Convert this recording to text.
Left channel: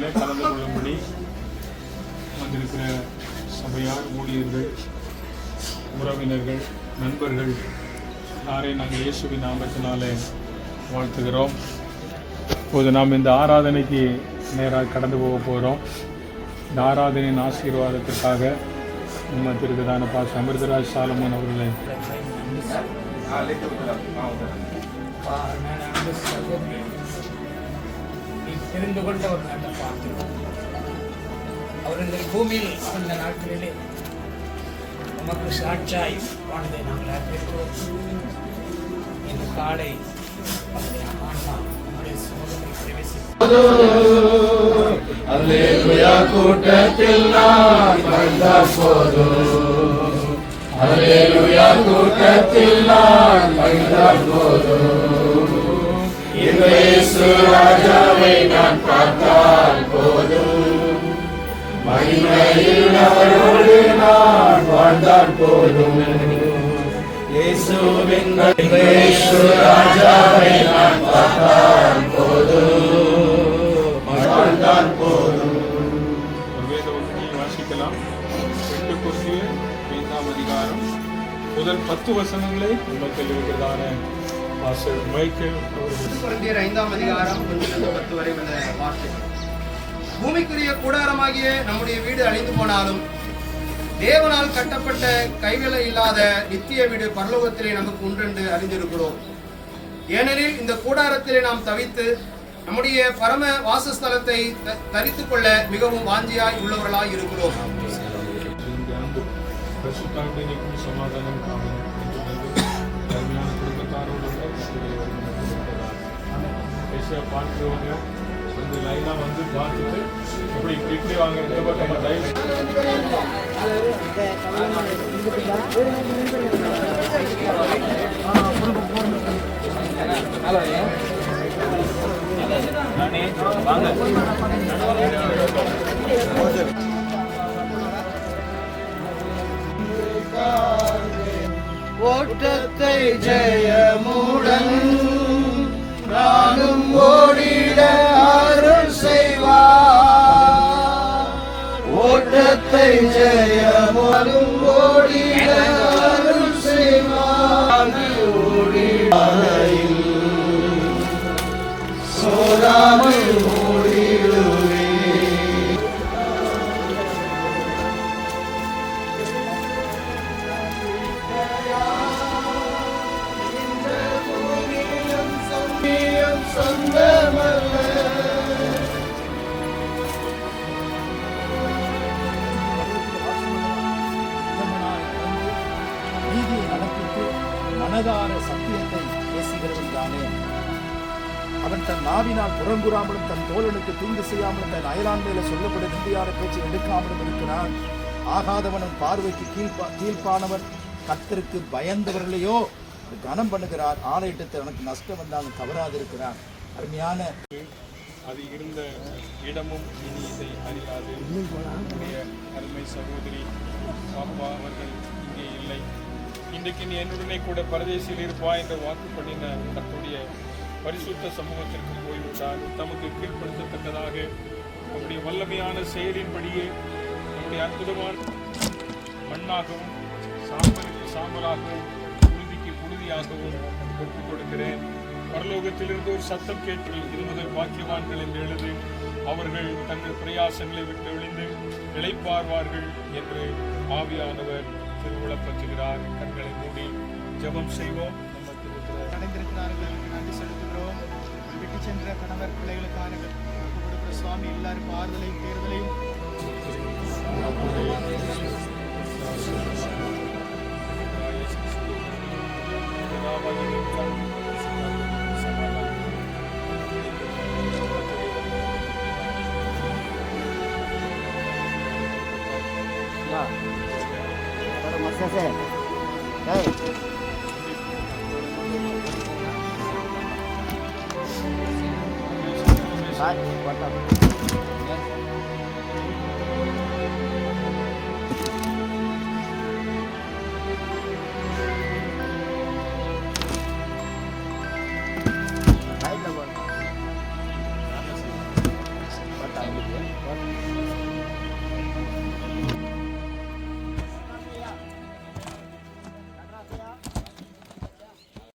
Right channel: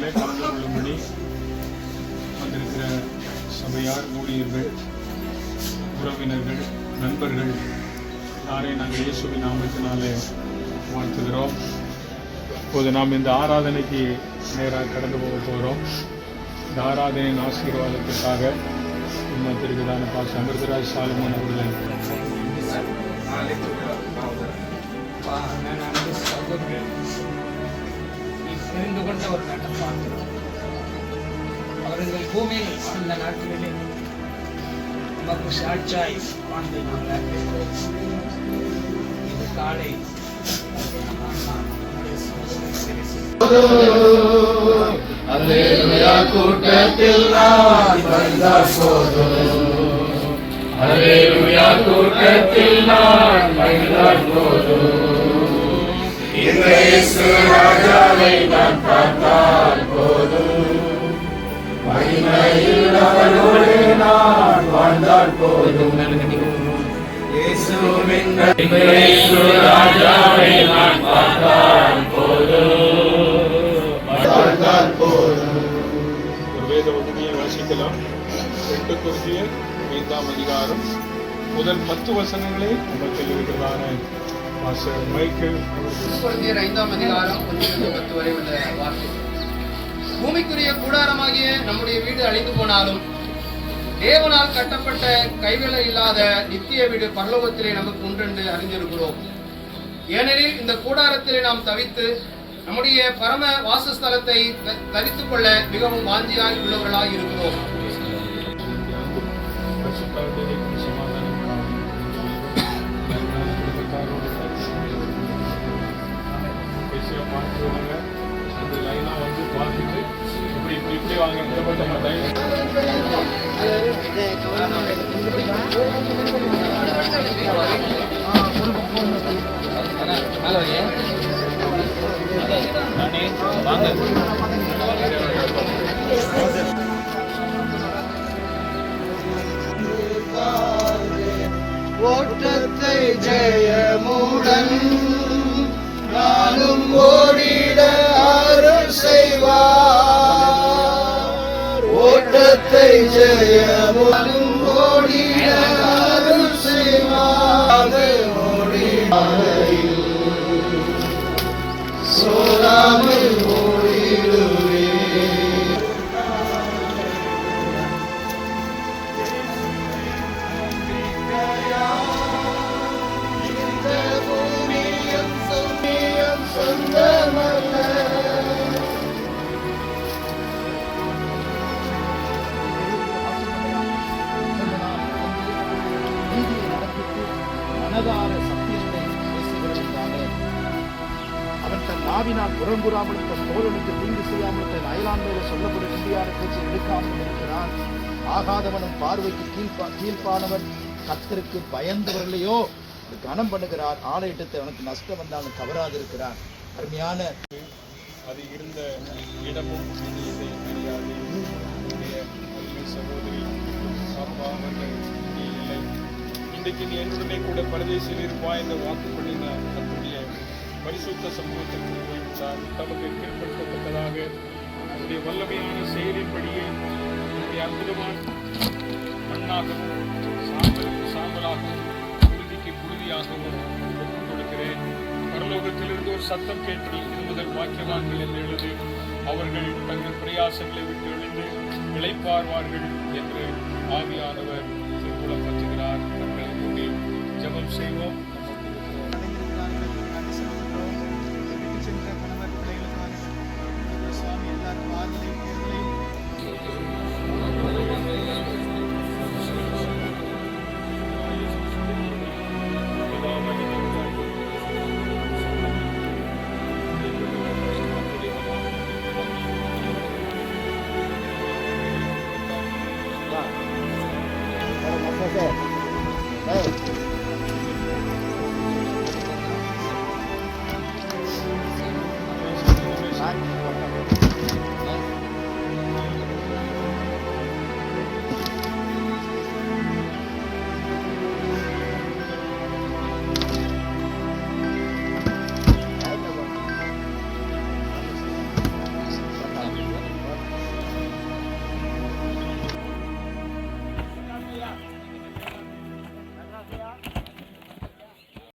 ஆராதனையில் கலந்து கொள்ளும்படி வந்திருக்கிற சபையார், ஊழியர்கள், உறவினர்கள், நண்பர்கள் எல்லாரையும் நாங்கள் இயேசுவின் நாமத்தினாலே வாழ்த்துகிறோம். இப்போது நாம் இந்த ஆராதனைக்கு நேராக கடந்து போக போகிறோம். இந்த ஆராதனையின் ஆசீர்வாதத்துக்காக நம்ம திருக்கதான பாஸ் அமிர்தராஜ் சாலமோன் அவர்களை தெரிந்து கொண்ட ஒரு நாட்டை பார்க்கிறோம். அவர்கள் பூமியில் அந்த நாட்களிலே நமக்கு சாட்சியாய் வாழ்ந்த இது காலை கூட்டத்தில் நான் வந்தால் போதும், அல்லேலூயா கூட்டத்தில் நான் வந்தால் போதும், இயேசு ராஜாவை நான் பார்த்தால் போதும், மகிமையில் அவரோடு நான் வாழ்ந்தால் போதும், இயேசுவின் ராஜாவை நான் பார்த்தால் போதும், வாழ்ந்தால் போதும். வேத வசதியை வாசிக்கலாம். 2 கொரிந்தியர் 5ஆம் அதிகாரம் முதல் 10 வசனங்களை நமக்கு எழுதுகிறதான பாஸ்டர் மைக்கேல் அவர்கள். கொரிந்தியர் 5ஆம் அதிகாரம் 1-10 வரை உள்ள வார்த்தை. பூமிக்குரிய கூடாரமாகிய நம்முடைய வீடு அழிந்து போனாலும் தேவனால் கட்டப்பட்ட கைவேலை இல்லாத நித்திய வீடு பரலோகத்திலே நமக்கு உண்டென்று அறிந்திருக்கிறோம். ஏனெனில் இந்த கூடாரத்திலே நாம் தவித்து நம்முடைய பரம வாசஸ்தலத்தை தரித்துக் கொள்ள மிகவும் வாஞ்சியாய் உள்ளவர்களாய் இருக்கிறோம். சமாதானம் பார்த்துருவாங்க. அந்த லைனாக வந்து பார்த்துட்டு இப்படி வாங்க இந்த பக்கம் ஓட்டத்தை ஜெயமுடன் நானும் ஓடிட அருள் செய்வார். ஓட்டத்தை ஜெயமுடன் ஓடிட அருள் செய்வார். ஓடிடாமல் சோராமல் ஓடிடுவே. மனதார சத்தியத்தை பேசுகிறவனாலே அவன் தன் நாவினால் புறங்குறாமலும் தன் தோழனுக்கு தீங்கு செய்யாமலும் தன் அயலான் மேல சொல்லக்கூடிய இந்தியார பேச்சை எடுக்காமலும் இருக்கிறான். ஆகாதவனும் பார்வைக்கு கீழ்ப்பானவன் கர்த்தருக்கு பயந்தவர்களையோ கனம் பண்ணுகிறார். ஆலயத்தை அவனுக்கு நஷ்டம் வந்தாலும் தவறாது இருக்கிறார். அருமையான அது இருந்த இடமும் இதை அறியாது. என்னுடைய அருமை சகோதரி பாப்பா அவர்கள் இங்கே இல்லை. இன்றைக்கு நீ என்னுடனே கூட பரதேசில் இருப்பா என்ற வாக்கு பண்ணின கர்த்தருடைய பரிசுத்த சமூகத்திற்கு போய்விட்டார். தமக்கு கீழ்ப்படுத்தத்தக்கதாக அவருடைய வல்லமையான செயலின்படியே நம்முடைய அற்புதமான மண்ணாகவும் சாம்பலுக்கு சாம்பலாகவும் புழுதிக்கு புழுதியாகவும் ஒப்புக் கொடுக்கிறேன். பரலோகத்திலிருந்து ஒரு சத்தம் கேட்டு இது முதல் வாக்கியவான்கள் என்று எழுதி அவர்கள் தங்கள் பிரயாசங்களை விட்டு எழுந்து இளைப்பார்வார்கள் என்று ஆவியானவர் திருவுளப்பற்றுகிறார். கண்களை மூடி ஜெபம் செய்வோம். அடைந்திருக்கிறார்கள், நன்றி செலுத்துகிறோம். விட்டு சென்ற கணவர் பிள்ளைகளுக்கான சுவாமி எல்லாருக்கும் ஆறுதலையும் தேர்தலையும்